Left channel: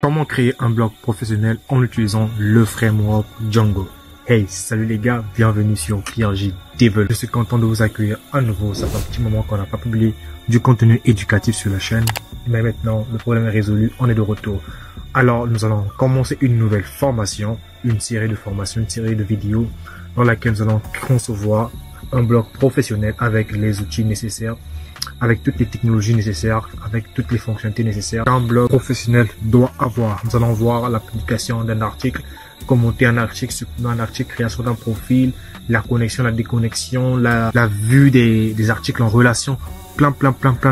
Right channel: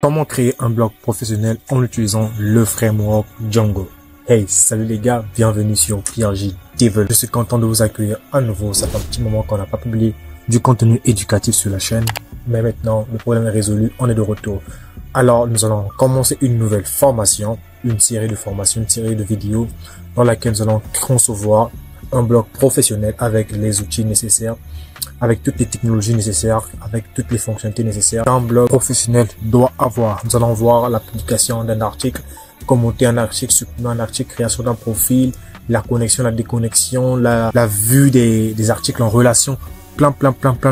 Comment créer un blog professionnel en utilisant le framework Django? Hey, salut les gars, bienvenue sur PRJ Devil. Je suis content de vous accueillir à nouveau. Ça fait un petit moment qu'on n'a pas publié du contenu éducatif sur la chaîne. Mais maintenant, le problème est résolu, on est de retour. Alors, nous allons commencer une nouvelle formation, une série de formations, une série de vidéos dans laquelle nous allons concevoir un blog professionnel avec les outils nécessaires, avec toutes les technologies nécessaires, avec toutes les fonctionnalités nécessaires qu'un blog professionnel doit avoir. Nous allons voir la publication d'un article, commenter un article, supprimer un article, création d'un profil, la connexion, la déconnexion, la vue des articles en relation, plein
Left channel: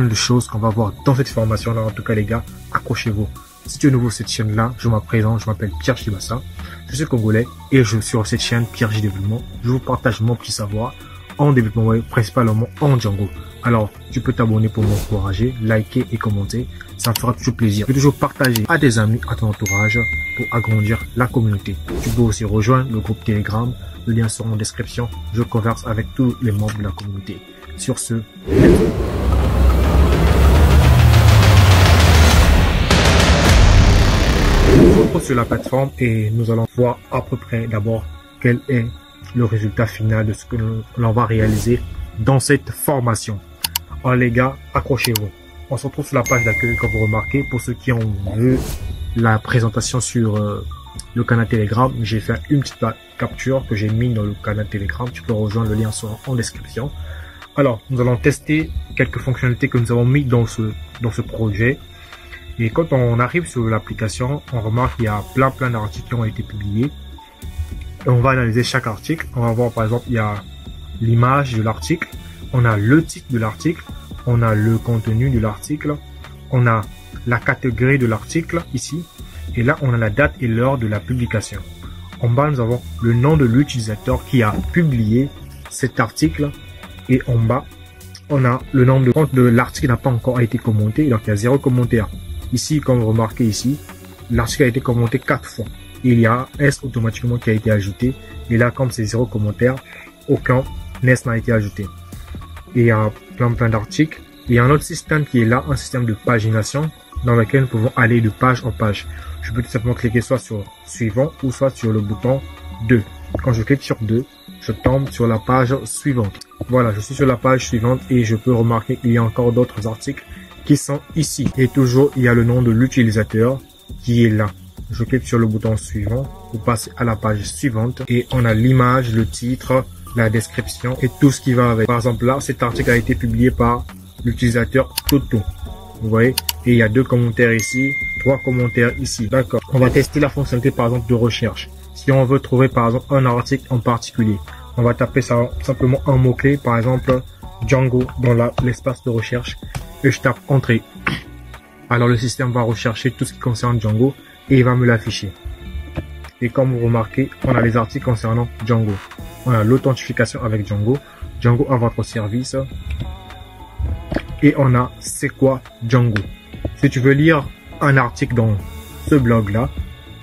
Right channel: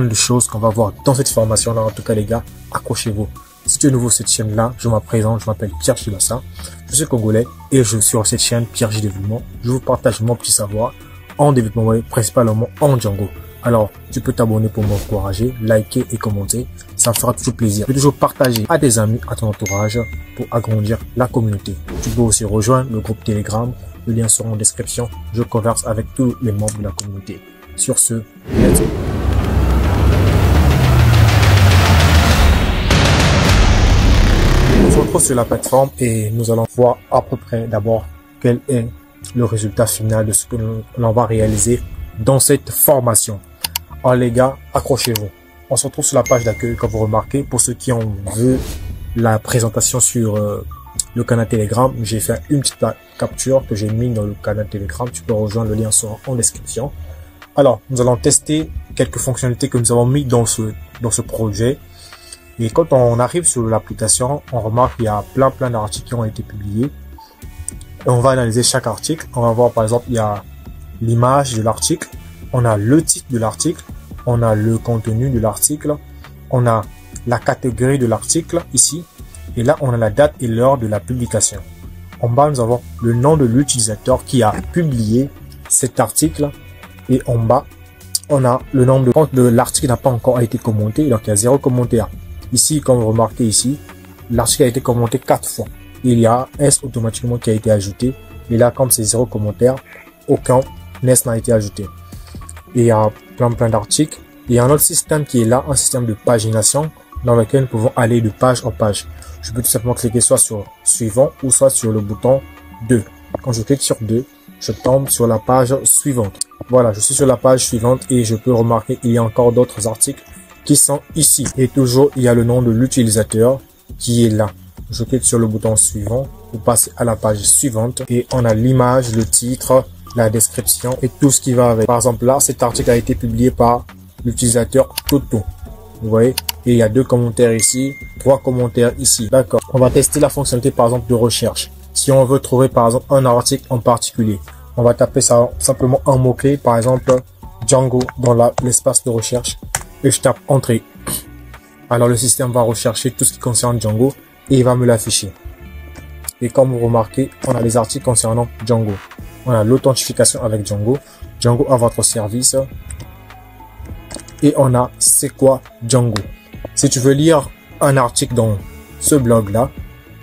de choses qu'on va voir dans cette formation-là. En tout cas, les gars, accrochez-vous. Si tu es nouveau sur cette chaîne-là, je me présente, je m'appelle Pierre Chibassa, je suis congolais et je suis sur cette chaîne PRJ Développement. Je vous partage mon petit savoir en développement web, principalement en Django. Alors, tu peux t'abonner pour m'encourager, liker et commenter. Ça me fera toujours plaisir. Tu peux toujours partager à tes amis, à ton entourage pour agrandir la communauté. Tu peux aussi rejoindre le groupe Telegram. Le lien sera en description. Je converse avec tous les membres de la communauté. Sur ce, let's go. On se retrouve sur la plateforme et nous allons voir à peu près d'abord quel est le résultat final de ce que l'on va réaliser dans cette formation. Alors les gars, accrochez-vous. On se retrouve sur la page d'accueil, comme vous remarquez. Pour ceux qui ont vu la présentation sur le canal Telegram, j'ai fait une petite capture que j'ai mis dans le canal Telegram. Tu peux rejoindre, le lien sera en description. Alors, nous allons tester quelques fonctionnalités que nous avons mis dans ce projet. Et quand on arrive sur l'application, on remarque qu'il y a plein d'articles qui ont été publiés. Et on va analyser chaque article. On va voir par exemple, il y a l'image de l'article, on a le titre de l'article, on a le contenu de l'article, on a la catégorie de l'article ici, et là on a la date et l'heure de la publication. En bas nous avons le nom de l'utilisateur qui a publié cet article, et en bas on a le nombre de comptes de l'article n'a pas encore été commenté, donc il y a 0 commentaire. Ici, comme vous remarquez ici, l'article a été commenté 4 fois. Il y a un S automatiquement qui a été ajouté, et là comme c'est 0 commentaire, aucun NES n'a été ajouté. Et il y a plein d'articles. Il y a un autre système qui est là, un système de pagination dans lequel nous pouvons aller de page en page. Je peux tout simplement cliquer soit sur suivant ou soit sur le bouton 2. Quand je clique sur 2, je tombe sur la page suivante. Voilà, je suis sur la page suivante et je peux remarquer qu'il y a encore d'autres articles qui sont ici. Et toujours, il y a le nom de l'utilisateur qui est là. Je clique sur le bouton suivant pour passer à la page suivante et on a l'image, le titre, la description et tout ce qui va avec. Par exemple là, cet article a été publié par l'utilisateur Toto. Vous voyez, et il y a 2 commentaires ici, 3 commentaires ici. D'accord. On va tester la fonctionnalité par exemple de recherche. Si on veut trouver par exemple un article en particulier, on va taper ça simplement un mot-clé, par exemple Django dans l'espace de recherche et je tape entrée. Alors le système va rechercher tout ce qui concerne Django et il va me l'afficher. Et comme vous remarquez, on a les articles concernant Django. On a l'authentification avec Django, Django à votre service. Et on a c'est quoi Django. Si tu veux lire un article dans ce blog-là,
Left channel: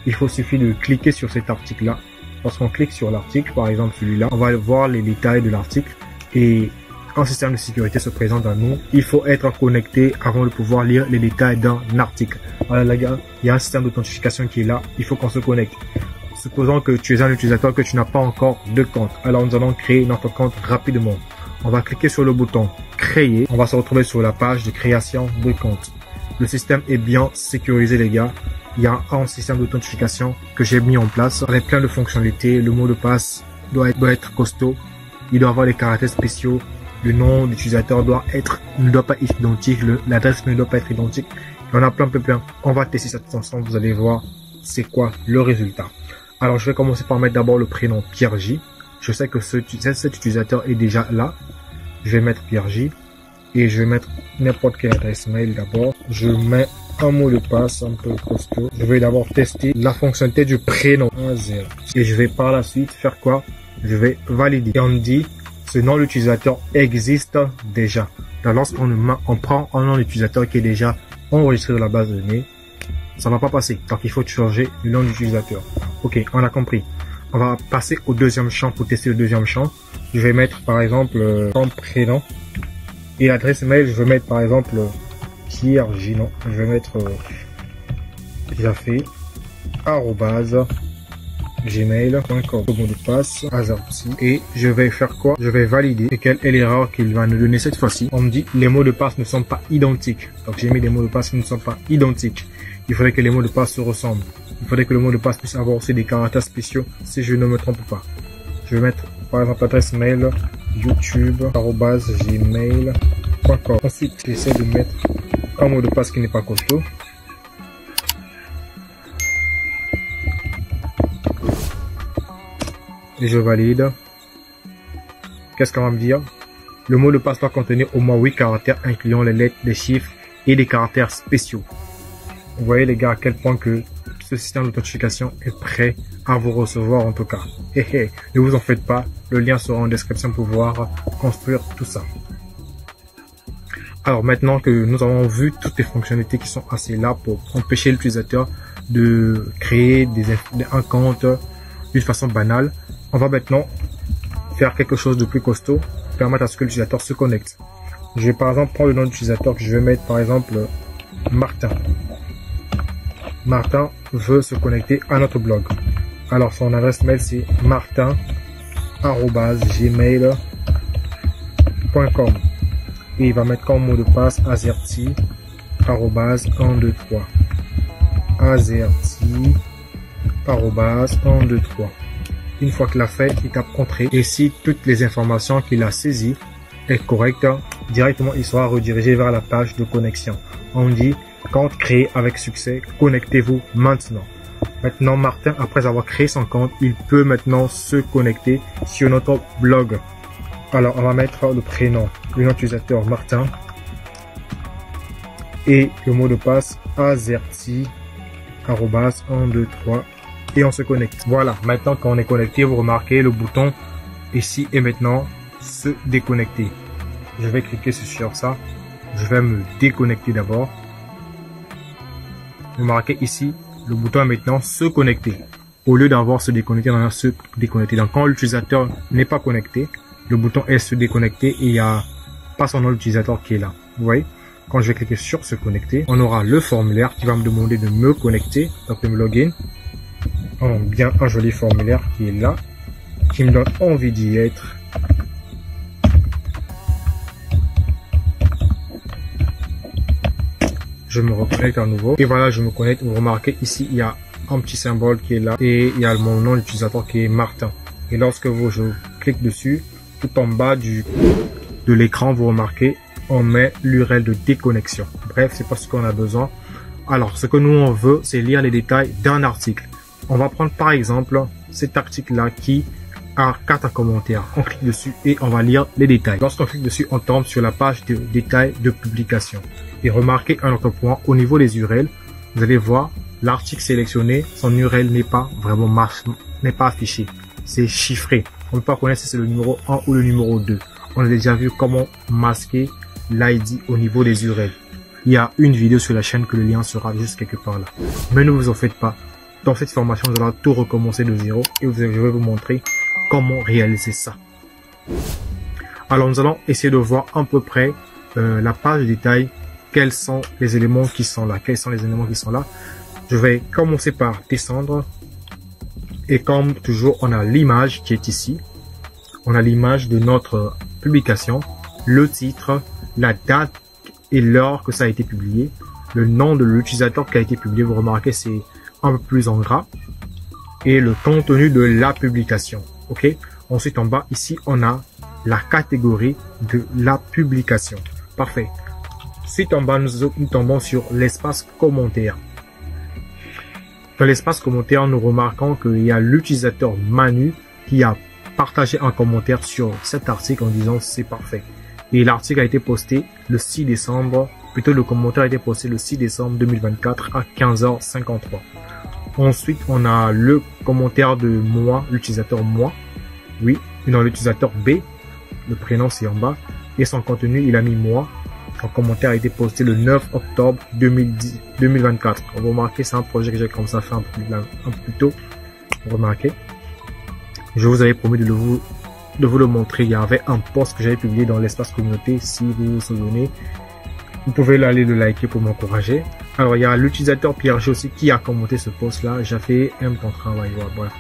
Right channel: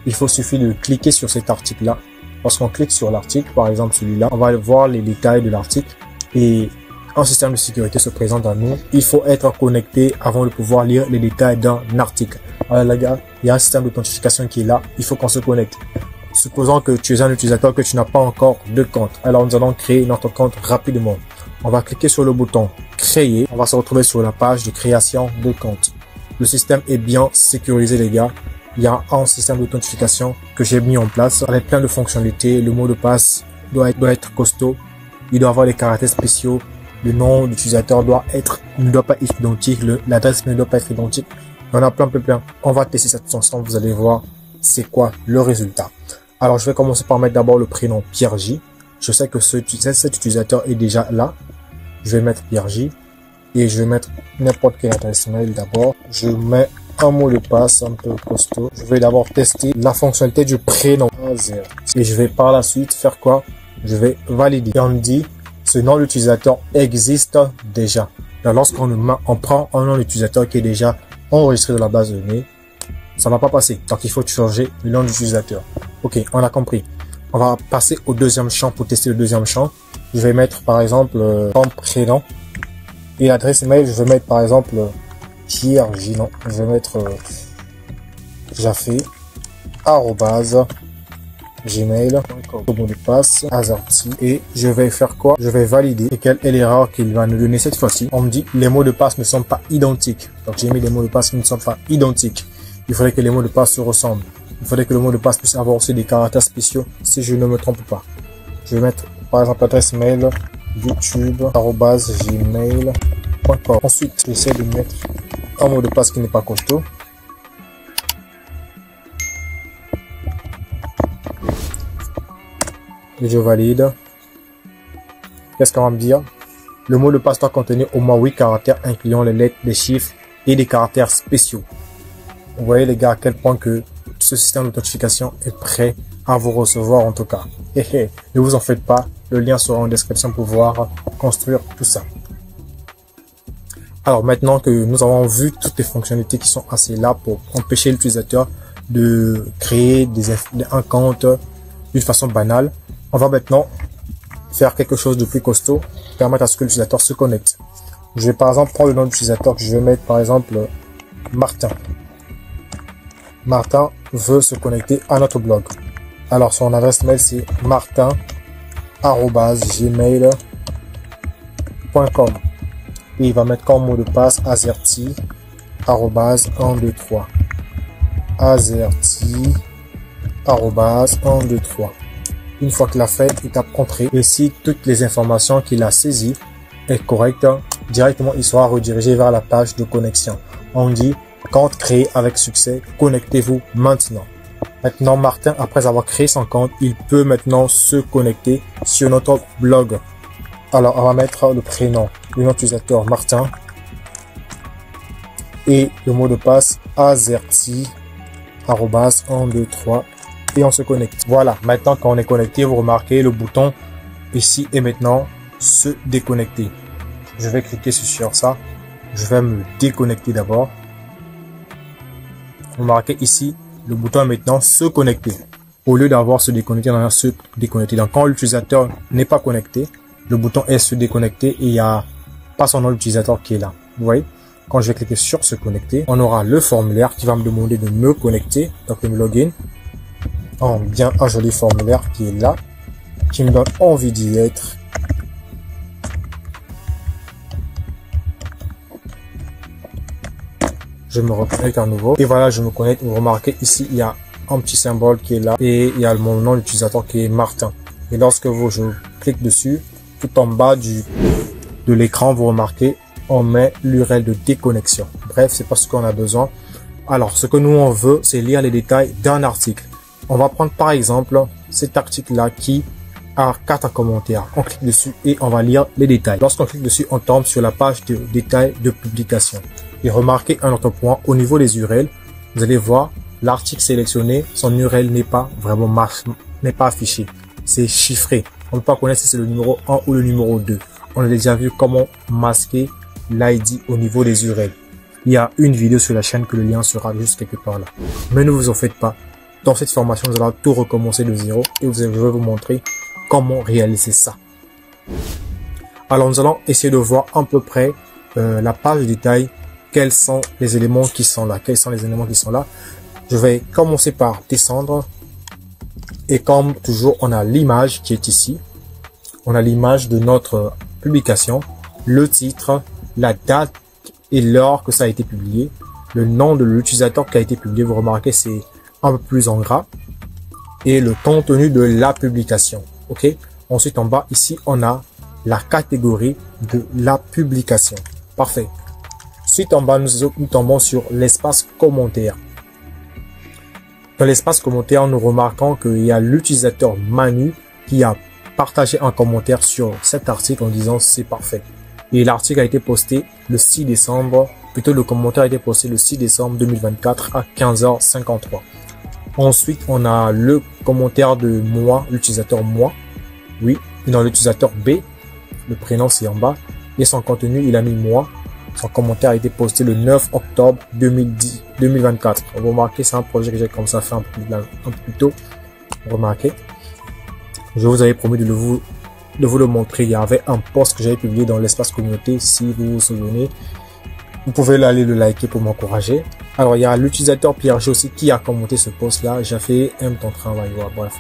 il suffit de cliquer sur cet article-là. Lorsqu'on clique sur l'article, par exemple celui-là, on va voir les détails de l'article. Et un système de sécurité se présente à nous. Il faut être connecté avant de pouvoir lire les détails d'un article. Alors les gars, il y a un système d'authentification qui est là. Il faut qu'on se connecte. Supposons que tu es un utilisateur que tu n'as pas encore de compte. Alors nous allons créer notre compte rapidement. On va cliquer sur le bouton créer. On va se retrouver sur la page de création de compte. Le système est bien sécurisé les gars. Il y a un système d'authentification que j'ai mis en place avec plein de fonctionnalités. Le mot de passe doit être costaud. Il doit avoir des caractères spéciaux. Le nom d'utilisateur ne doit pas être identique. L'adresse ne doit pas être identique. Il y en a plein. On va tester ça tous ensemble. Vous allez voir c'est quoi le résultat. Alors, je vais commencer par mettre d'abord le prénom PRJ. Je sais que cet utilisateur est déjà là. Je vais mettre PRJ et je vais mettre n'importe quelle adresse mail d'abord. Je mets un mot de passe un peu costaud. Je vais d'abord tester la fonctionnalité du prénom. Et je vais par la suite faire quoi? Je vais valider. Et on me dit, ce nom d'utilisateur existe déjà. Lorsqu'on prend un nom d'utilisateur qui est déjà enregistré dans la base de données, ça va pas passer. Donc, il faut changer le nom d'utilisateur. Ok, on a compris. On va passer au deuxième champ pour tester le deuxième champ. Je vais mettre par exemple un prénom et l'adresse mail. Je vais mettre par exemple Pierre Ginon. Je vais mettre déjà fait, @gmail.com, mot de passe, AZERTY, et je vais faire quoi? Je vais valider. Et quelle est l'erreur qu'il va nous donner cette fois-ci? On me dit, les mots de passe ne sont pas identiques. Donc, j'ai mis des mots de passe qui ne sont pas identiques. Il faudrait que les mots de passe se ressemblent. Il faudrait que le mot de passe puisse avoir aussi des caractères spéciaux, si je ne me trompe pas. Je vais mettre, par exemple, l'adresse mail, youtube@gmail.com. Ensuite, j'essaie de mettre un mot de passe qui n'est pas costaud. Et je valide. Qu'est-ce qu'on va me dire? Le mot de passe doit contenir au moins 8 caractères incluant les lettres, les chiffres et des caractères spéciaux. Vous voyez les gars à quel point que ce système d'authentification est prêt à vous recevoir en tout cas. Ne vous en faites pas, le lien sera en description pour pouvoir construire tout ça. Alors maintenant que nous avons vu toutes les fonctionnalités qui sont assez là pour empêcher l'utilisateur de créer un compte d'une façon banale, on va maintenant faire quelque chose de plus costaud, permettre à ce que l'utilisateur se connecte. Je vais par exemple prendre le nom de l'utilisateur que je vais mettre par exemple Martin. Martin veut se connecter à notre blog. Alors son adresse mail c'est martin@gmail.com et il va mettre comme mot de passe AZERTY 123 AZERTY 123. Une fois qu'il a fait, il tape entrée et si toutes les informations qu'il a saisies est correcte, directement il sera redirigé vers la page de connexion. On dit compte créé avec succès, connectez-vous maintenant. Maintenant, Martin, après avoir créé son compte, il peut maintenant se connecter sur notre blog. Alors, on va mettre le prénom, le nom d'utilisateur Martin et le mot de passe AZERTY 123 et on se connecte. Voilà, maintenant quand on est connecté, vous remarquez le bouton ici et maintenant se déconnecter. Je vais cliquer sur ça. Je vais me déconnecter d'abord. Vous remarquez ici, le bouton est maintenant se connecter. Au lieu d'avoir se déconnecter, on a se déconnecter. Donc quand l'utilisateur n'est pas connecté, le bouton est se déconnecter et il n'y a pas son nom d'utilisateur qui est là. Vous voyez? Quand je vais cliquer sur se connecter, on aura le formulaire qui va me demander de me connecter, donc de me login. Bien un joli formulaire qui est là, qui me donne envie d'y être. Je me reconnecte à nouveau et voilà, je me connecte. Vous remarquez ici, il y a un petit symbole qui est là et il y a mon nom d'utilisateur qui est Martin. Et lorsque je clique dessus, tout en bas de l'écran, vous remarquez, on met l'URL de déconnexion. Bref, c'est pas ce qu'on a besoin. Alors, ce que nous on veut, c'est lire les détails d'un article. On va prendre par exemple cet article-là qui a 4 commentaires. On clique dessus et on va lire les détails. Lorsqu'on clique dessus, on tombe sur la page de détails de publication. Et remarquez un autre point, au niveau des URL, vous allez voir l'article sélectionné, son URL n'est pas vraiment affiché. C'est chiffré. On ne peut pas connaître si c'est le numéro 1 ou le numéro 2. On a déjà vu comment masquer l'ID au niveau des URL. Il y a une vidéo sur la chaîne que le lien sera juste quelque part là. Mais ne vous en faites pas. Dans cette formation, nous allons tout recommencer de zéro et je vais vous montrer comment réaliser ça. Alors, nous allons essayer de voir à peu près la page de détail. Quels sont les éléments qui sont là? Quels sont les éléments qui sont là? Je vais commencer par descendre. Et comme toujours, on a l'image qui est ici. On a l'image de notre publication, le titre, la date et l'heure que ça a été publié, le nom de l'utilisateur qui a été publié. Vous remarquez, c'est un peu plus en gras. Et le contenu de la publication. OK? Ensuite, en bas, ici, on a la catégorie de la publication. Parfait. Ensuite, en bas, nous tombons sur l'espace commentaire. Dans l'espace commentaire, nous remarquons qu'il y a l'utilisateur Manu qui a partagé un commentaire sur cet article en disant c'est parfait. Et l'article a été posté le 6 décembre, plutôt le commentaire a été posté le 6 décembre 2024 à 15h53. Ensuite, on a le commentaire de moi, l'utilisateur moi. Oui, et dans l'utilisateur B, le prénom c'est en bas. Et son contenu, il a mis moi. Son commentaire a été posté le 9 octobre 2024. Vous remarquez, c'est un projet que j'ai commencé à faire un peu plus tôt. Vous remarquez. Je vous avais promis de vous le montrer. Il y avait un post que j'avais publié dans l'espace communauté. Si vous vous souvenez, vous pouvez aller le liker pour m'encourager. Alors, il y a l'utilisateur Pierre G aussi qui a commenté ce post-là. J'ai fait ton travail. Voilà, bref.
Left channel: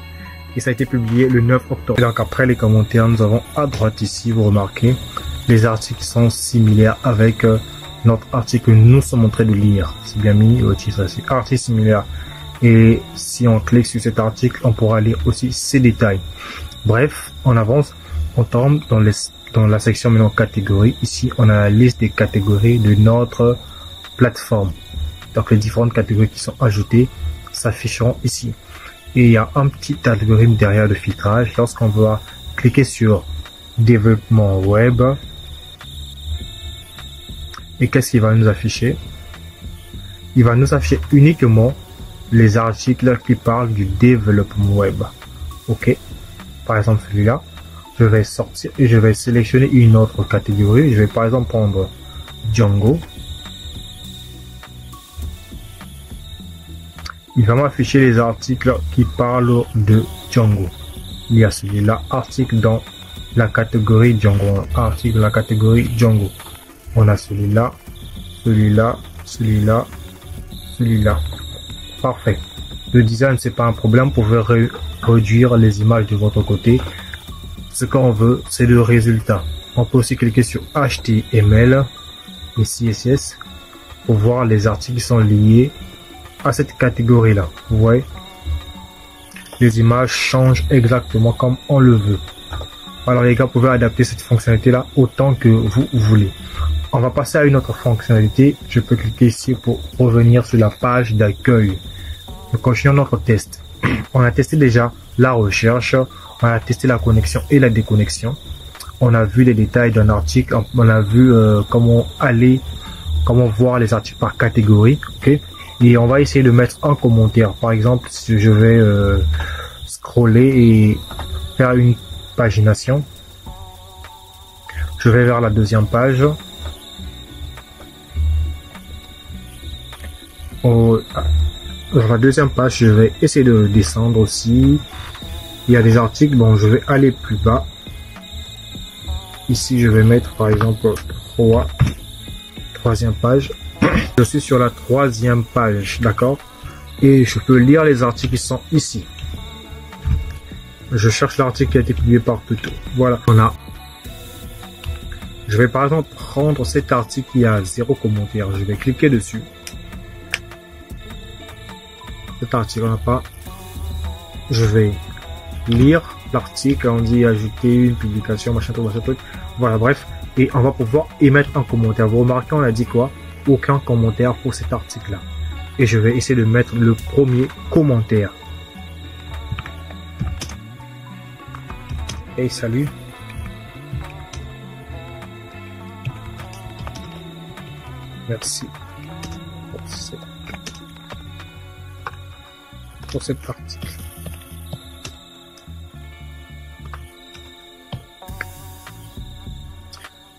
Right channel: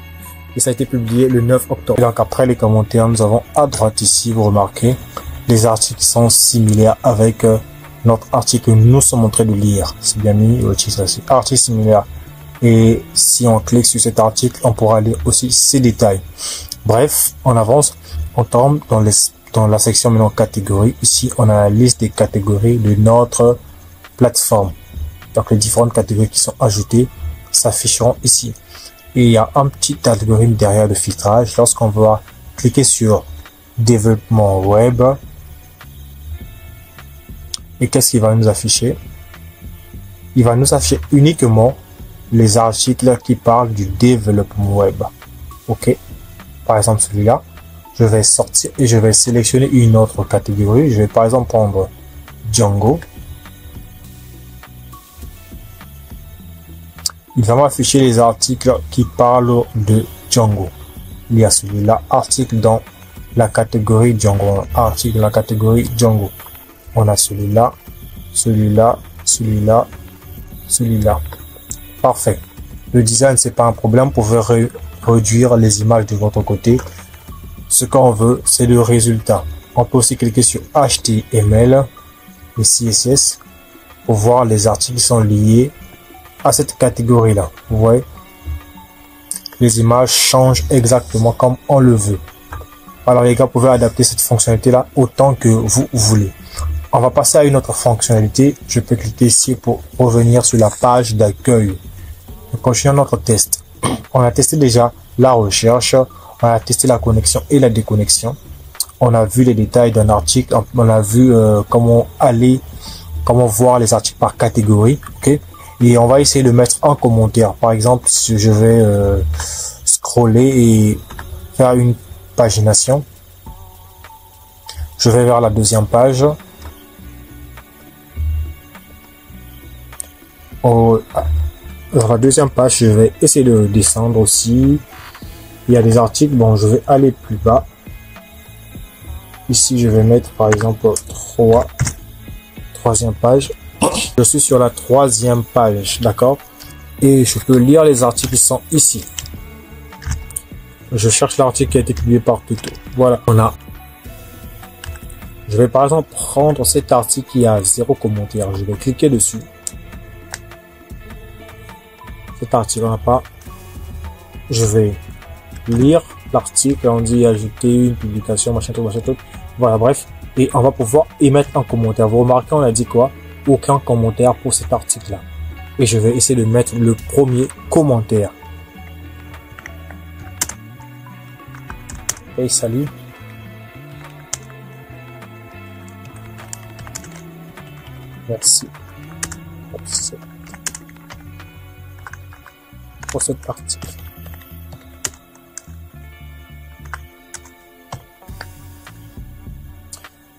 Et ça a été publié le 9 octobre. Et donc, après les commentaires, nous avons à droite ici, vous remarquez, les articles qui sont similaires avec notre article que nous sommes en train de lire. C'est bien mis, article similaire. Et si on clique sur cet article, on pourra lire aussi ces détails. Bref, on avance. On tombe dans la section maintenant catégories. Ici, on a la liste des catégories de notre plateforme. Donc, les différentes catégories qui sont ajoutées s'afficheront ici. Et il y a un petit algorithme derrière de filtrage. Lorsqu'on va cliquer sur développement web, et qu'est-ce qu'il va nous afficher? Il va nous afficher uniquement les articles qui parlent du développement web. Ok. Par exemple, celui-là, je vais sortir et je vais sélectionner une autre catégorie. Je vais par exemple prendre Django. Il va m'afficher les articles qui parlent de Django. Il y a celui-là, article dans la catégorie Django. Article dans la catégorie Django. On a celui-là, celui-là, celui-là, celui-là. Parfait. Le design, c'est pas un problème. Vous pouvez réduire les images de votre côté. Ce qu'on veut, c'est le résultat. On peut aussi cliquer sur HTML et CSS pour voir les articles qui sont liés à cette catégorie-là. Vous voyez, les images changent exactement comme on le veut. Alors les gars, vous pouvez adapter cette fonctionnalité-là autant que vous voulez. On va passer à une autre fonctionnalité. Je peux cliquer ici pour revenir sur la page d'accueil. Nous continuons notre test. On a testé déjà la recherche, on a testé la connexion et la déconnexion. On a vu les détails d'un article, on a vu comment voir les articles par catégorie. Ok. Et on va essayer de mettre en commentaire. Par exemple, si je vais scroller et faire une pagination. Je vais vers la deuxième page. Dans la deuxième page, je vais essayer de descendre aussi. Il y a des articles. Bon, je vais aller plus bas. Ici, je vais mettre par exemple troisième page. Je suis sur la troisième page, d'accord? Et je peux lire les articles qui sont ici. Je cherche l'article qui a été publié par Tuto. Voilà, je vais par exemple prendre cet article qui a 0 commentaire. Je vais cliquer dessus. Cet article n'a pas. Je vais lire l'article. On dit ajouter une publication, machin truc. Voilà, bref. Et on va pouvoir émettre un commentaire. Vous remarquez, on a dit quoi? Aucun commentaire pour cet article-là. Et je vais essayer de mettre le premier commentaire. Hey, salut. Merci pour cet article.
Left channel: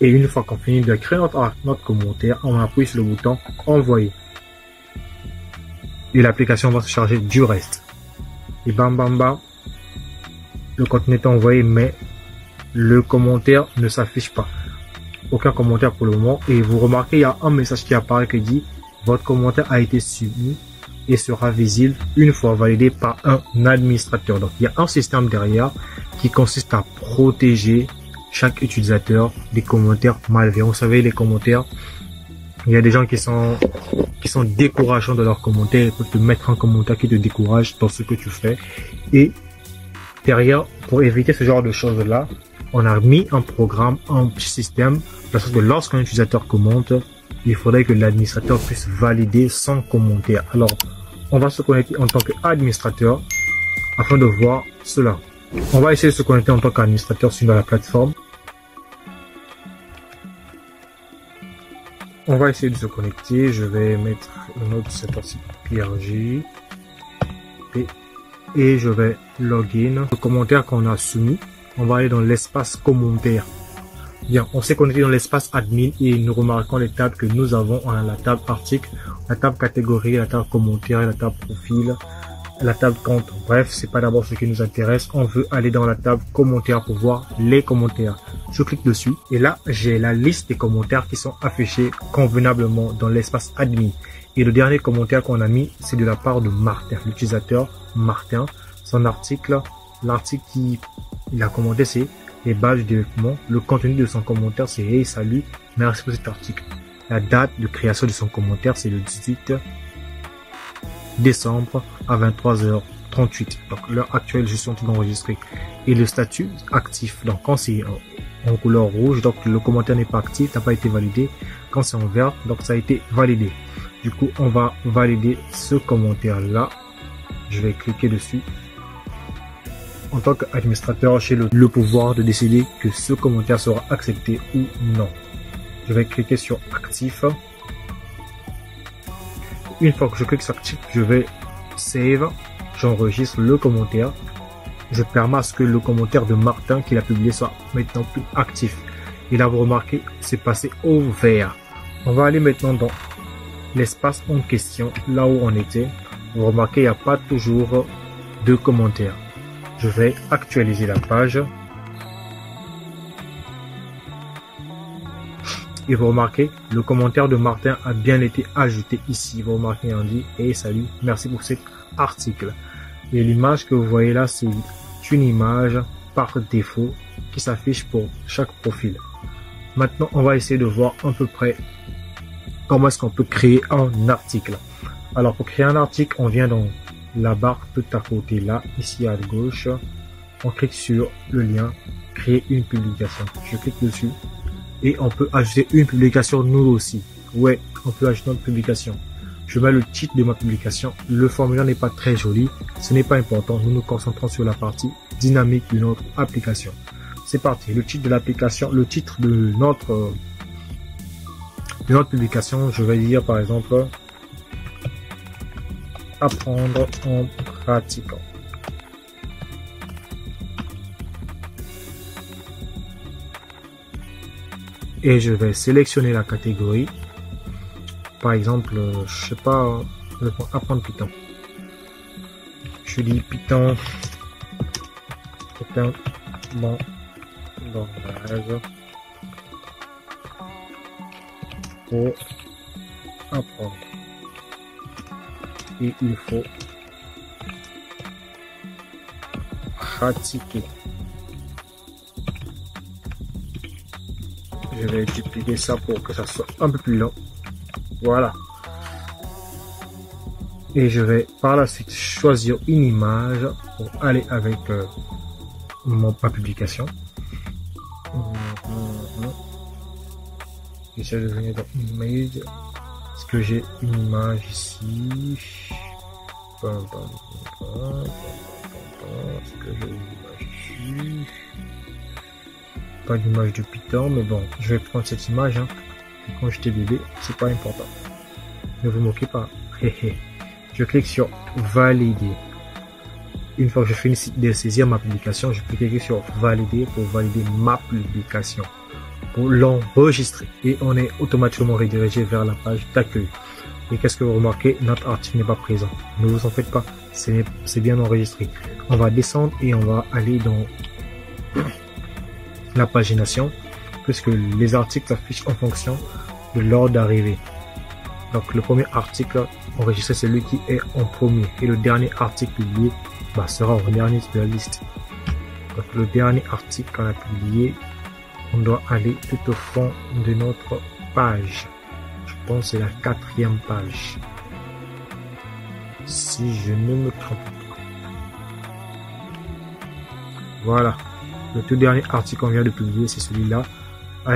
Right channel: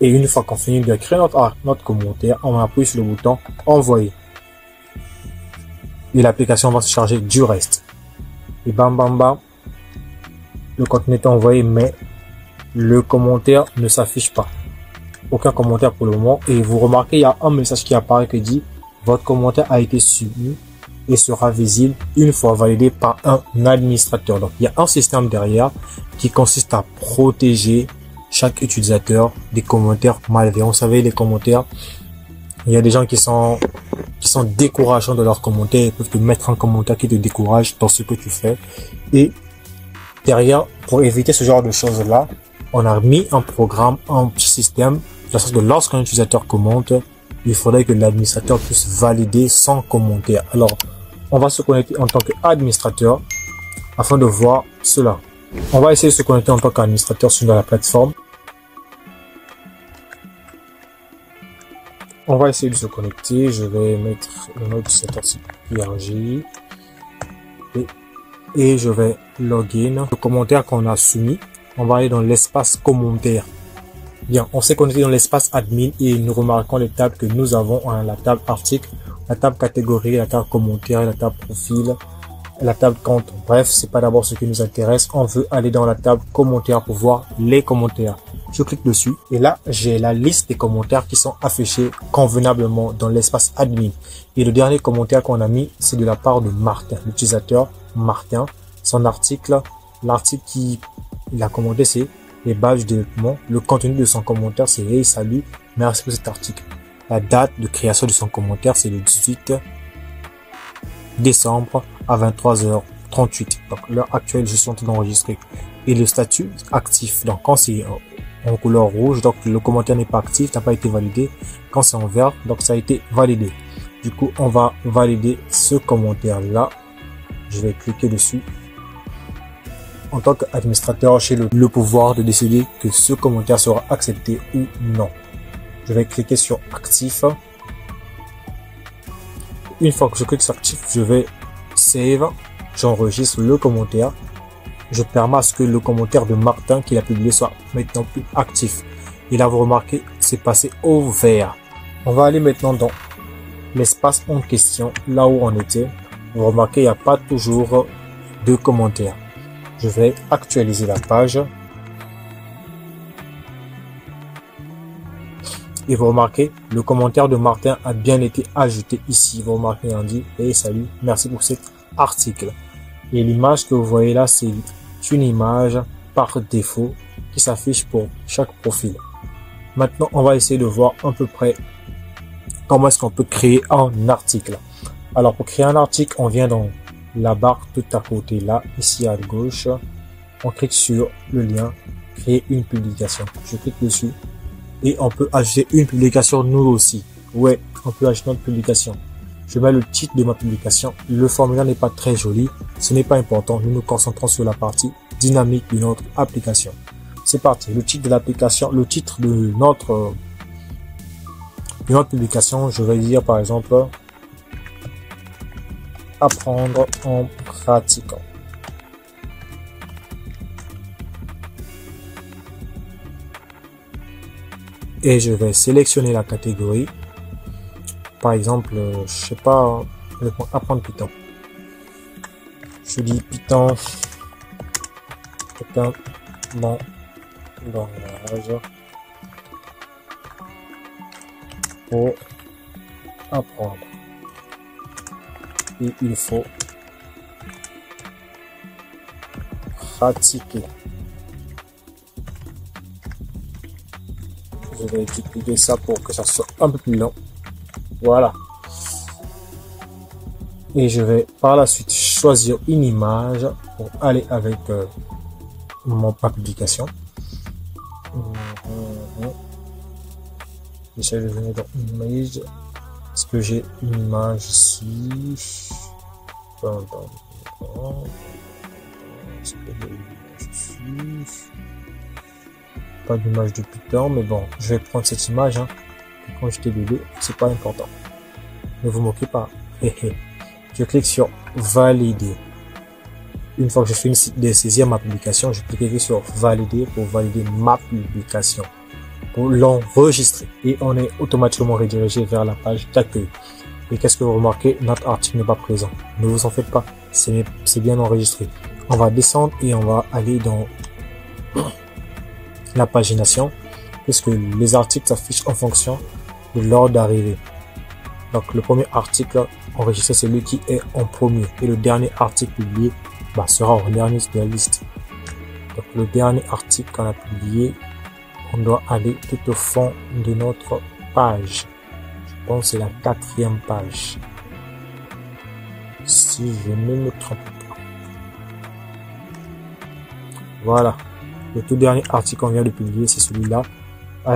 Et une fois qu'on finit de créer notre commentaire, on appuie sur le bouton envoyer. Et l'application va se charger du reste. Et bam bam bam. Le contenu est envoyé, mais le commentaire ne s'affiche pas. Aucun commentaire pour le moment. Et vous remarquez, il y a un message qui apparaît qui dit votre commentaire a été soumis et sera visible une fois validé par un administrateur. Donc il y a un système derrière qui consiste à protéger chaque utilisateur des commentaires malveillants. Vous savez, les commentaires, il y a des gens qui sont décourageants de leurs commentaires. Ils peuvent te mettre un commentaire qui te décourage dans ce que tu fais. Et derrière, pour éviter ce genre de choses-là, on a mis un programme, un petit système, de la sorte que lorsqu'un utilisateur commente, il faudrait que l'administrateur puisse valider son commentaire. Alors, on va se connecter en tant qu'administrateur afin de voir cela. On va essayer de se connecter en tant qu'administrateur sur la plateforme. On va essayer de se connecter. Je vais mettre le nom utilisateur PRG et je vais login. Le commentaire qu'on a soumis, on va aller dans l'espace commentaire. Bien, on s'est connecté dans l'espace admin et nous remarquons les tables que nous avons. On a la table article, la table catégorie, la table commentaire, la table profil, la table compte. Bref, c'est pas d'abord ce qui nous intéresse. On veut aller dans la table commentaire pour voir les commentaires. Je clique dessus et là, j'ai la liste des commentaires qui sont affichés convenablement dans l'espace admin. Et le dernier commentaire qu'on a mis, c'est de la part de Martin, l'utilisateur Martin. Son article, l'article qu'il a commenté, c'est les badges de développement. Le contenu de son commentaire, c'est hey, salut, merci pour cet article. La date de création de son commentaire, c'est le 18 décembre à 23h38. Donc, l'heure actuelle, je suis en train d'enregistrer. Et le statut actif. Donc, quand c'est en couleur rouge, donc le commentaire n'est pas actif, n'a pas été validé. Quand c'est en vert, donc ça a été validé. Du coup, on va valider ce commentaire-là. Je vais cliquer dessus. En tant qu'administrateur, j'ai le pouvoir de décider que ce commentaire sera accepté ou non. Je vais cliquer sur actif. Une fois que je clique sur actif, je vais save. J'enregistre le commentaire. Je permets à ce que le commentaire de Martin qu'il a publié soit maintenant plus actif. Et là, vous remarquez, c'est passé au vert. On va aller maintenant dans l'espace en question, là où on était. Vous remarquez, il n'y a pas toujours de commentaires. Je vais actualiser la page. Et vous remarquez, le commentaire de Martin a bien été ajouté ici. Vous remarquez, on dit « Hey, salut, merci pour cet article ». Et l'image que vous voyez là, c'est une image par défaut qui s'affiche pour chaque profil. Maintenant, on va essayer de voir à peu près comment est-ce qu'on peut créer un article. Alors, pour créer un article, on vient dans la barre tout à côté là, ici à gauche. On clique sur le lien « Créer une publication ». Je clique dessus. Et on peut ajouter une publication nous aussi. Ouais, on peut ajouter notre publication. Je mets le titre de ma publication. Le formulaire n'est pas très joli. Ce n'est pas important. Nous nous concentrons sur la partie dynamique de notre application. C'est parti. Le titre de l'application, le titre de notre publication, je vais dire par exemple apprendre en pratiquant. Et je vais sélectionner la catégorie. Par exemple, je sais pas, je vais apprendre Python. Je dis Python. Bon, dans la réseau. Pour apprendre. Et il faut pratiquer. Je vais dupliquer ça pour que ça soit un peu plus long. Voilà. Et je vais par la suite choisir une image pour aller avec ma publication. J'essaie de venir dans Image. Est-ce que j'ai une image ici? Est-ce que j'ai une image ici? Pas d'image de Python, mais bon, je vais prendre cette image. Quand j'étais bébé, c'est pas important. Ne vous moquez pas. Je clique sur valider. Une fois que je finis de saisir ma publication, je clique sur valider pour valider ma publication, pour l'enregistrer. Et on est automatiquement redirigé vers la page d'accueil. Et qu'est-ce que vous remarquez? Notre article n'est pas présent. Ne vous en faites pas. C'est bien enregistré. On va descendre et on va aller dans la pagination, puisque les articles s'affichent en fonction de l'ordre d'arrivée. Donc le premier article enregistré, c'est celui qui est en premier, et le dernier article publié sera en dernier de la liste. Donc le dernier article qu'on a publié, on doit aller tout au fond de notre page. Je pense que c'est la 4e page, si je ne me trompe pas. Voilà. Le tout dernier article qu'on vient de publier, c'est celui-là.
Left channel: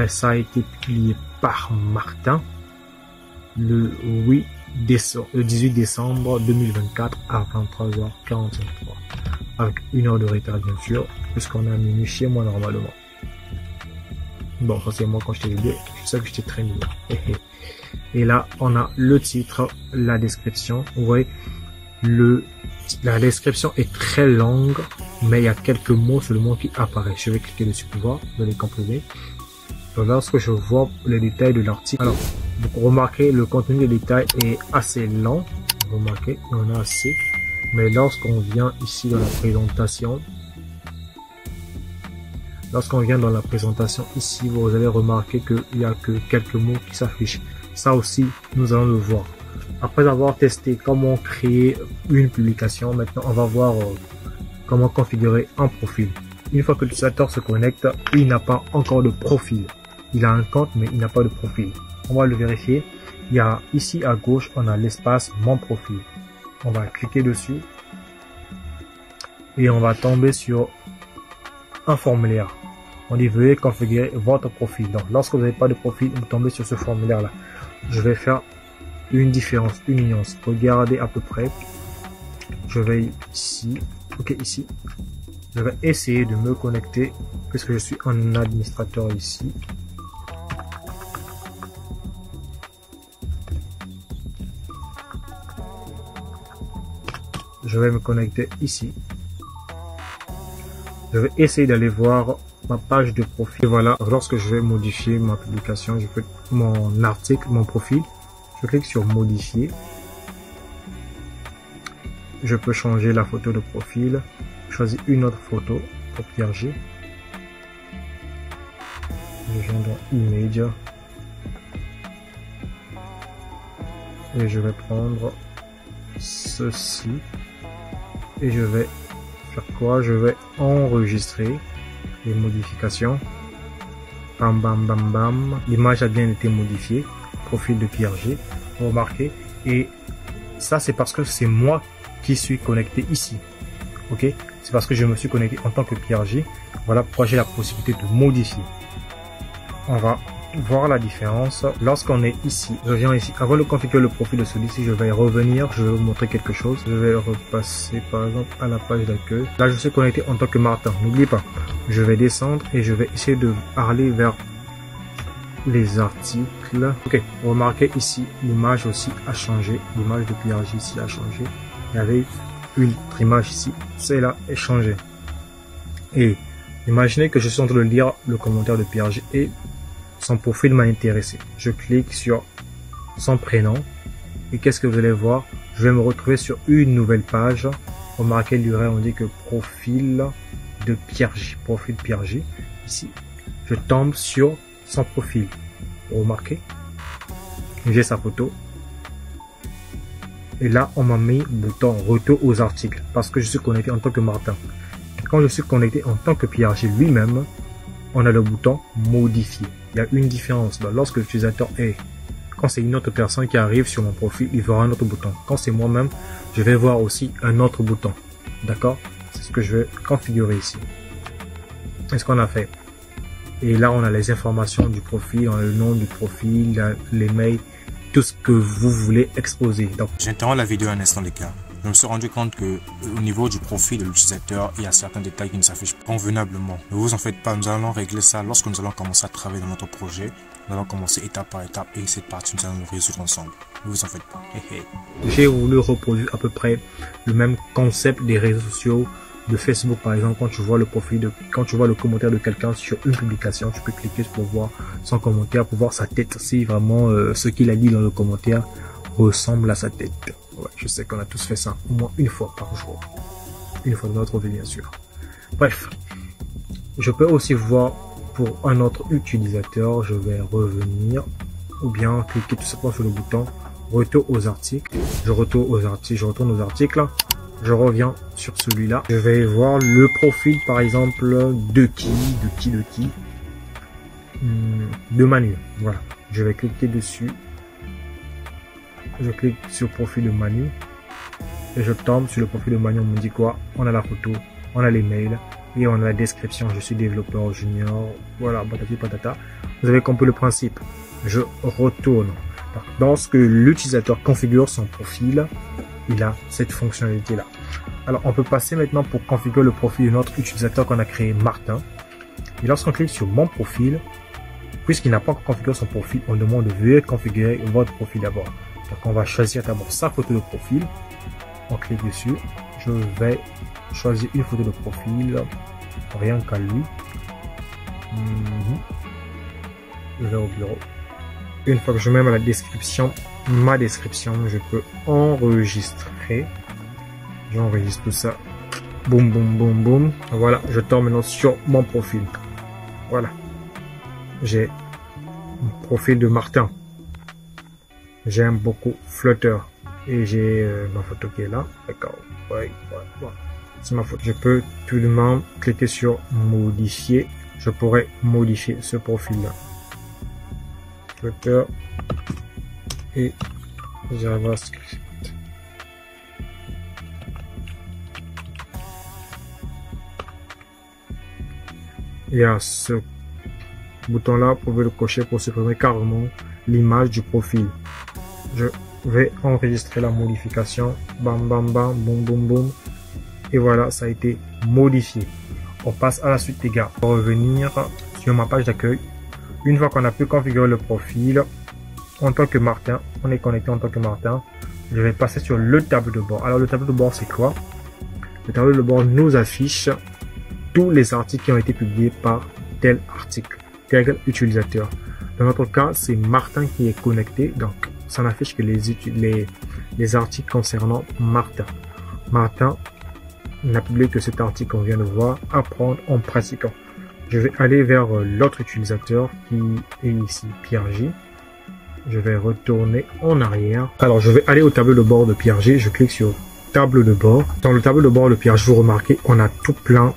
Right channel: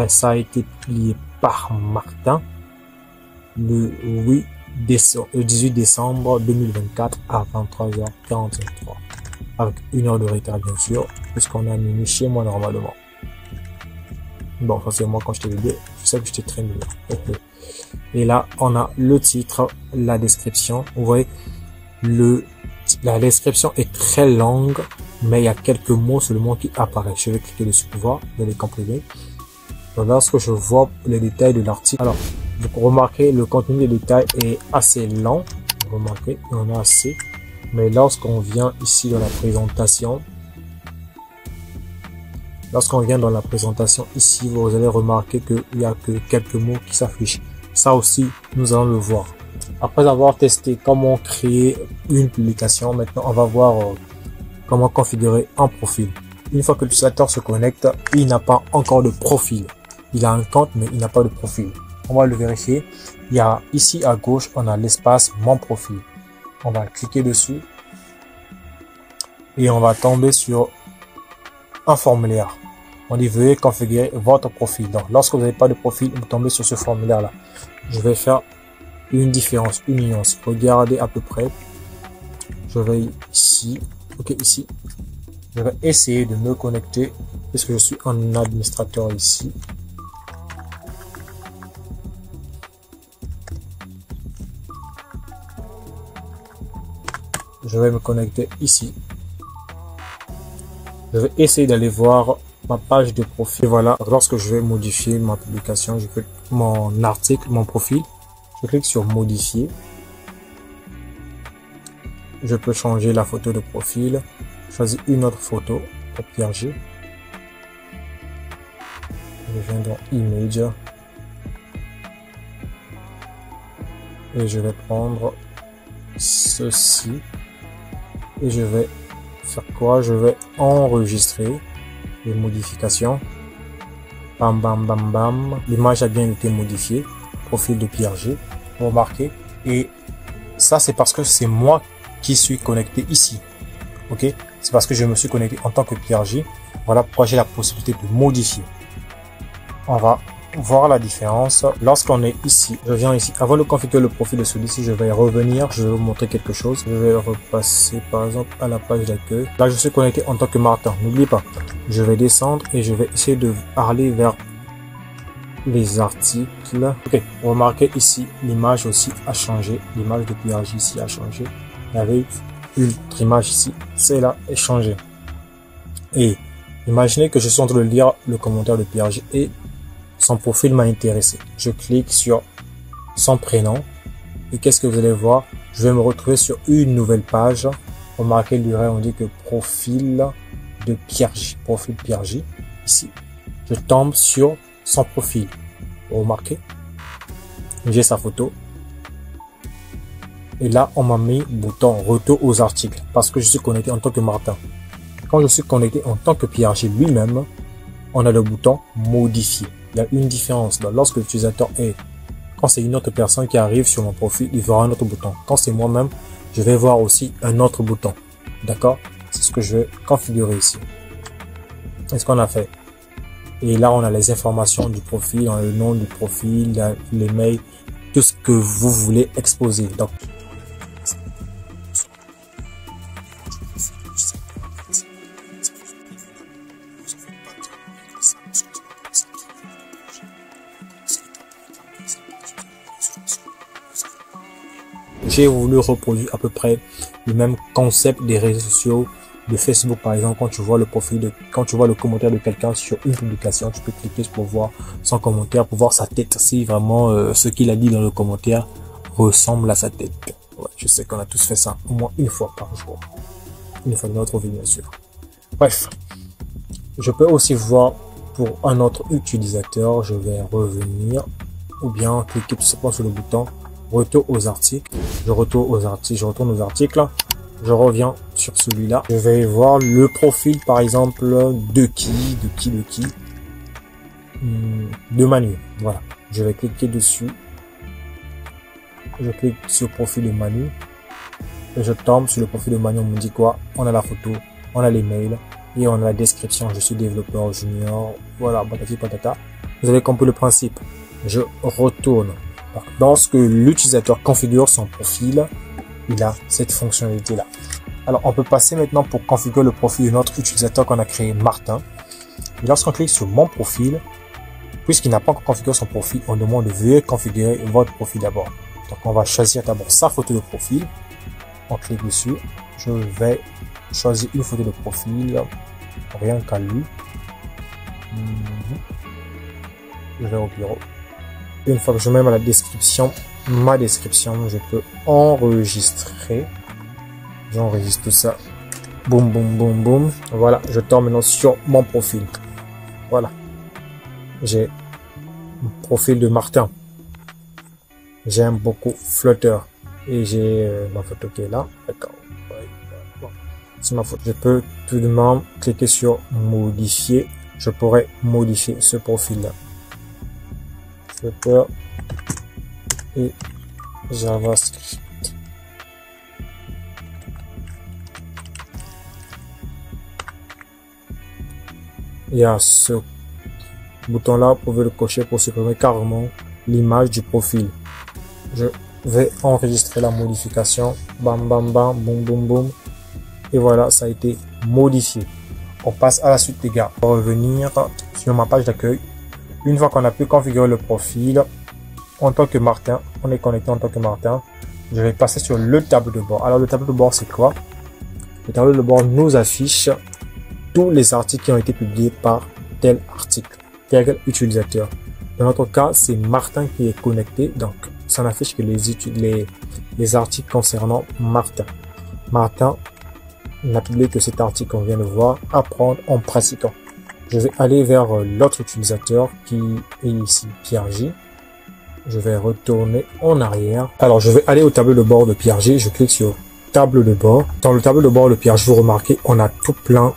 Ça a été publié par Martin le 18 décembre 2024 à 23h43. Avec 1 heure de retard, bien sûr, puisqu'on a minuit chez moi normalement. Bon, ça c'est moi quand j'étais bébé. Je sais que j'étais très mignon. Et là, on a le titre, la description. Vous voyez, la description est très longue, mais il y a quelques mots seulement qui apparaissent. Je vais cliquer dessus pour voir, de les comprimer. Lorsque je vois les détails de l'article, alors, vous remarquez, le contenu des détails est assez lent. Vous remarquez, il y en a assez. Mais lorsqu'on vient ici dans la présentation, Lorsqu'on vient dans la présentation ici, vous allez remarquer qu'il n'y a que quelques mots qui s'affichent. Ça aussi, nous allons le voir. Après avoir testé comment créer une publication, maintenant on va voir comment configurer un profil. Une fois que l'utilisateur se connecte, il n'a pas encore de profil. Il a un compte, mais il n'a pas de profil. On va le vérifier. Il y a ici à gauche, on a l'espace mon profil. On va cliquer dessus et on va tomber sur un formulaire. On dit veuillez configurer votre profil. Donc lorsque vous n'avez pas de profil, vous tombez sur ce formulaire là. Je vais faire une différence, une nuance. Regardez à peu près. Je vais ici. Ok, ici. Je vais essayer de me connecter puisque je suis un administrateur ici. Je vais me connecter ici. Je vais essayer d'aller voir ma page de profil. Et voilà, lorsque je vais modifier ma publication, je fais mon article, mon profil. Je clique sur modifier. Je peux changer la photo de profil. Je choisis une autre photo pour Pierre G. Je viens dans Image. Et je vais prendre ceci. Et je vais faire quoi? Je vais enregistrer les modifications. Bam, bam, bam, bam. L'image a bien été modifiée. Profil de Pierre G. Vous remarquez. Et ça, c'est parce que c'est moi qui suis connecté ici. Ok? C'est parce que je me suis connecté en tant que Pierre G. Voilà pourquoi j'ai la possibilité de modifier. On va voir la différence. Lorsqu'on est ici, je viens ici. Avant de configurer le profil de celui-ci, je vais revenir. Je vais vous montrer quelque chose. Je vais repasser par exemple à la page d'accueil. Là, je suis connecté en tant que Martin. N'oubliez pas. Je vais descendre et je vais essayer de aller vers les articles. Ok, remarquez ici, l'image aussi a changé. L'image de Pierre G ici a changé. Il y avait une autre image ici. Celle-là est changée. Et imaginez que je suis en train de lire le commentaire de Pierre G et son profil m'a intéressé. Je clique sur son prénom et qu'est-ce que vous allez voir? Je vais me retrouver sur une nouvelle page. Remarquez l'URL, on dit que profil de Pierre G. Profil Pierre G. Ici, je tombe sur son profil. Remarquez, j'ai sa photo. Et là, on m'a mis bouton retour aux articles parce que je suis connecté en tant que Martin. Quand je suis connecté en tant que Pierre G lui-même, on a le bouton modifier. Il y a une différence. Lorsque l'utilisateur est, quand c'est une autre personne qui arrive sur mon profil, il verra un autre bouton. Quand c'est moi-même, je vais voir aussi un autre bouton. D'accord? C'est ce que je vais configurer ici. C'est ce qu'on a fait. Et là, on a les informations du profil, on a le nom du profil, les mails, tout ce que vous voulez exposer. Donc, j'interromps la vidéo un instant, les gars. Je me suis rendu compte que au niveau du profil de l'utilisateur, il y a certains détails qui ne s'affichent pas convenablement. Ne vous en faites pas, nous allons régler ça lorsque nous allons commencer à travailler dans notre projet. Nous allons commencer étape par étape et cette partie, nous allons le résoudre ensemble. Ne vous en faites pas. J'ai voulu reproduire à peu près le même concept des réseaux sociaux, de Facebook par exemple. Quand tu vois le profil quand tu vois le commentaire de quelqu'un sur une publication, tu peux cliquer pour voir son commentaire, pour voir sa tête, si vraiment ce qu'il a dit dans le commentaire ressemble à sa tête. Ouais, je sais qu'on a tous fait ça au moins une fois par jour. Une fois dans notre vie, bien sûr. Bref, je peux aussi voir pour un autre utilisateur, je vais revenir ou bien cliquer tout simplement sur le bouton retour aux articles. Je retourne aux articles. Je reviens sur celui-là. Je vais voir le profil par exemple de Manu. Voilà. Je vais cliquer dessus. Je clique sur le profil de Manu et je tombe sur le profil de Manu. On me dit quoi? On a la photo, on a les mails et on a la description. Je suis développeur junior. Voilà, patati patata. Vous avez compris le principe. Je retourne. Lorsque l'utilisateur configure son profil, il a cette fonctionnalité là. Alors on peut passer maintenant pour configurer le profil de notre utilisateur qu'on a créé, Martin. Et lorsqu'on clique sur mon profil, puisqu'il n'a pas encore configuré son profil, on demande de veuillez configurer votre profil d'abord. Donc on va choisir d'abord sa photo de profil. On clique dessus. Je vais choisir une photo de profil. Rien qu'à lui. Je vais au bureau. Une fois que je mets ma description, je peux enregistrer. J'enregistre tout ça. Boum, boum, boum, boum. Voilà, je tombe maintenant sur mon profil. Voilà. J'ai un profil de Martin. J'aime beaucoup Flutter. Et j'ai ma photo qui est là. D'accord. Ouais, voilà. C'est ma photo. Je peux tout de même cliquer sur modifier. Je pourrais modifier ce profil-là. Flutter et JavaScript. Il y a ce bouton-là, vous pouvez le cocher pour supprimer carrément l'image du profil. Je vais enregistrer la modification. Bam, bam, bam, boum, boum, boum. Et voilà, ça a été modifié. On passe à la suite, les gars. On va revenir sur ma page d'accueil. Une fois qu'on a pu configurer le profil, en tant que Martin, on est connecté en tant que Martin. Je vais passer sur le tableau de bord. Alors, le tableau de bord, c'est quoi? Le tableau de bord nous affiche tous les articles qui ont été publiés par tel article, tel utilisateur. Dans notre cas, c'est Martin qui est connecté, donc ça n'affiche que les articles concernant Martin. Martin n'a publié que cet article qu'on vient de voir, apprendre en pratiquant. Je vais aller vers l'autre utilisateur qui est ici, Pierre J. Je vais retourner en arrière. Alors, je vais aller au tableau de bord de Pierre J. Je clique sur tableau de bord. Dans le tableau de bord de Pierre J, vous remarquez, on a tout plein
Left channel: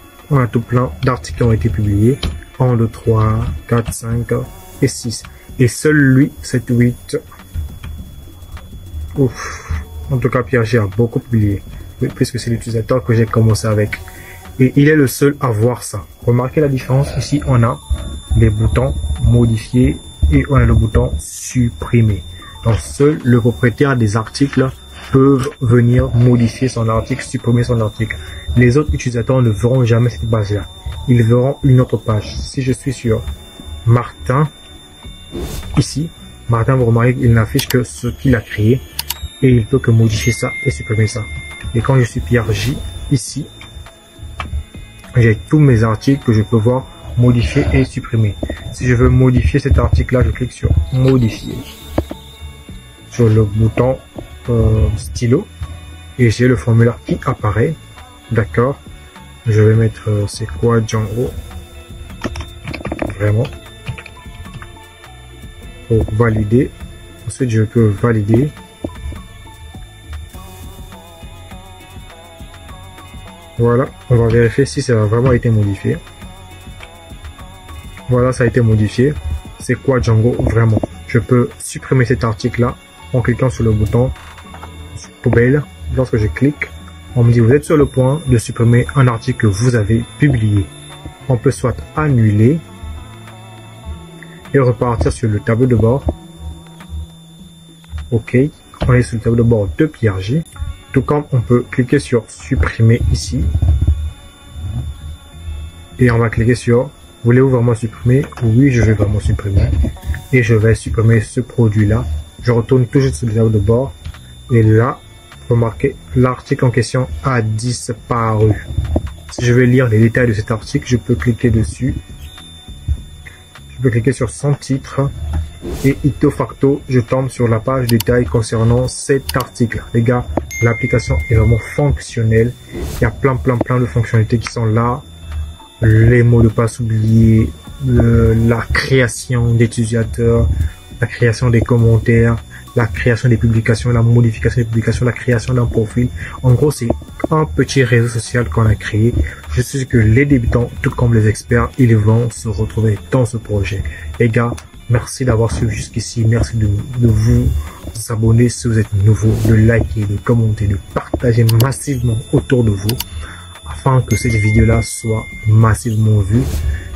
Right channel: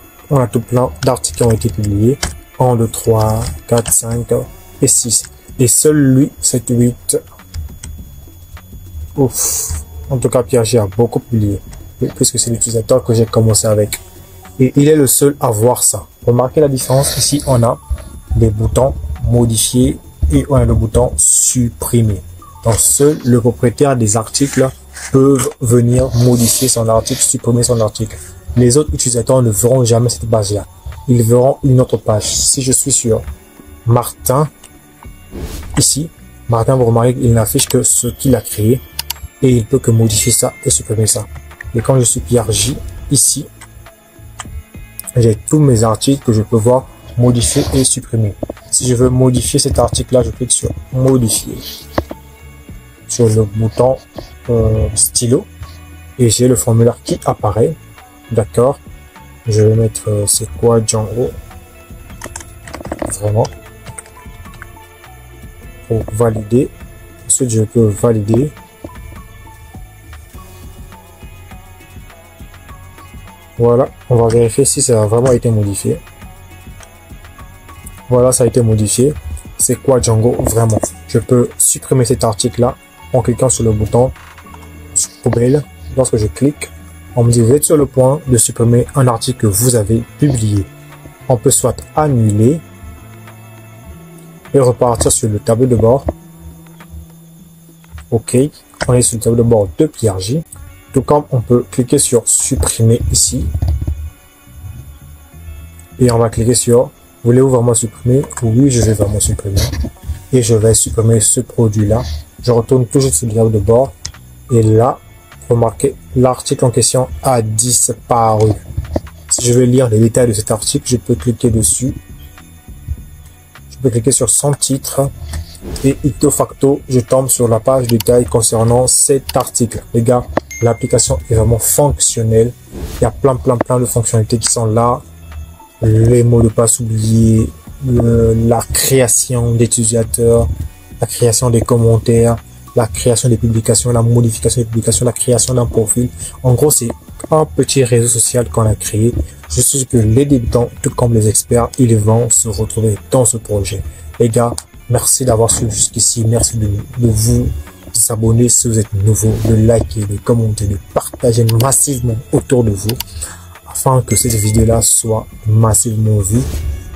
d'articles qui ont été publiés. 1, 2, 3, 4, 5 et 6. Et seul lui, 7, 8. Ouf. En tout cas, Pierre J a beaucoup publié. Puisque c'est l'utilisateur que j'ai commencé avec. Et il est le seul à voir ça. Remarquez la différence. Ici, on a les boutons modifier et on a le bouton supprimer. Donc, seul le propriétaire des articles peuvent venir modifier son article, supprimer son article. Les autres utilisateurs ne verront jamais cette page-là. Ils verront une autre page. Si je suis sur Martin, ici, Martin, vous remarquez qu'il n'affiche que ce qu'il a créé et il peut que modifier ça et supprimer ça. Et quand je suis Pierre J, ici, j'ai tous mes articles que je peux voir modifier et supprimer. Si je veux modifier cet article-là, je clique sur modifier. Sur le bouton stylo. Et j'ai le formulaire qui apparaît. D'accord. Je vais mettre c'est quoi Django. Vraiment. Pour valider. Ensuite, je peux valider. Voilà, on va vérifier si ça a vraiment été modifié. Voilà, ça a été modifié. C'est quoi Django? Vraiment. Je peux supprimer cet article-là en cliquant sur le bouton poubelle. Lorsque je clique, on me dit vous êtes sur le point de supprimer un article que vous avez publié. On peut soit annuler et repartir sur le tableau de bord. OK, on est sur le tableau de bord de Pierre J. Tout comme on peut cliquer sur supprimer ici. Et on va cliquer sur voulez-vous vraiment supprimer? Oui, je vais vraiment supprimer. Et je vais supprimer ce produit-là. Je retourne toujours sur le tableau de bord. Et là, remarquez, l'article en question a disparu. Si je veux lire les détails de cet article, je peux cliquer dessus. Je peux cliquer sur son titre. Et ipso facto, je tombe sur la page détail concernant cet article. Les gars, l'application est vraiment fonctionnelle. Il y a plein de fonctionnalités qui sont là. Les mots de passe oubliés, la création d'utilisateurs, la création des commentaires, la création des publications, la modification des publications, la création d'un profil. En gros, c'est un petit réseau social qu'on a créé. Je suis sûr que les débutants, tout comme les experts, ils vont se retrouver dans ce projet. Les gars, merci d'avoir suivi jusqu'ici. Merci de vous abonner si vous êtes nouveau, de liker, de commenter, de partager massivement autour de vous afin que cette vidéo-là soit massivement vue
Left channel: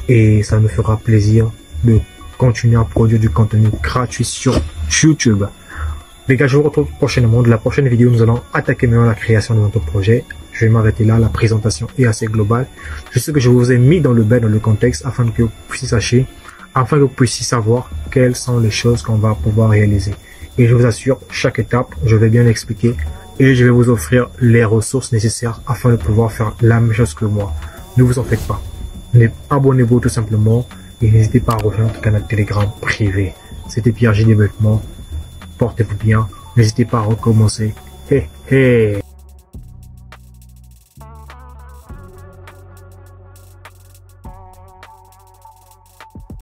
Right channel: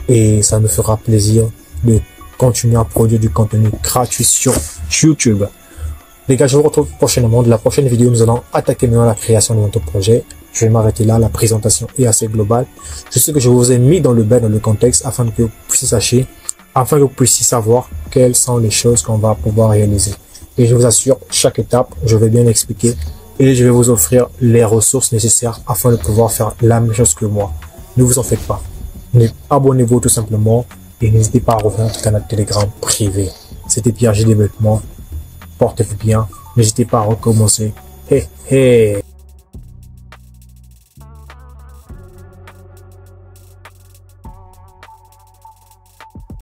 et ça nous fera plaisir de continuer à produire du contenu gratuit sur YouTube. Les gars, je vous retrouve prochainement. De la prochaine vidéo, nous allons attaquer maintenant la création de notre projet. Je vais m'arrêter là. La présentation est assez globale. Je sais que je vous ai mis dans le bain, dans le contexte, afin que vous puissiez savoir quelles sont les choses qu'on va pouvoir réaliser. Et je vous assure, chaque étape, je vais bien expliquer et je vais vous offrir les ressources nécessaires afin de pouvoir faire la même chose que moi. Ne vous en faites pas. Abonnez-vous tout simplement et n'hésitez pas à rejoindre notre canal Telegram privé. C'était Pierre J Développement. Portez-vous bien. N'hésitez pas à recommencer. Hey, hey.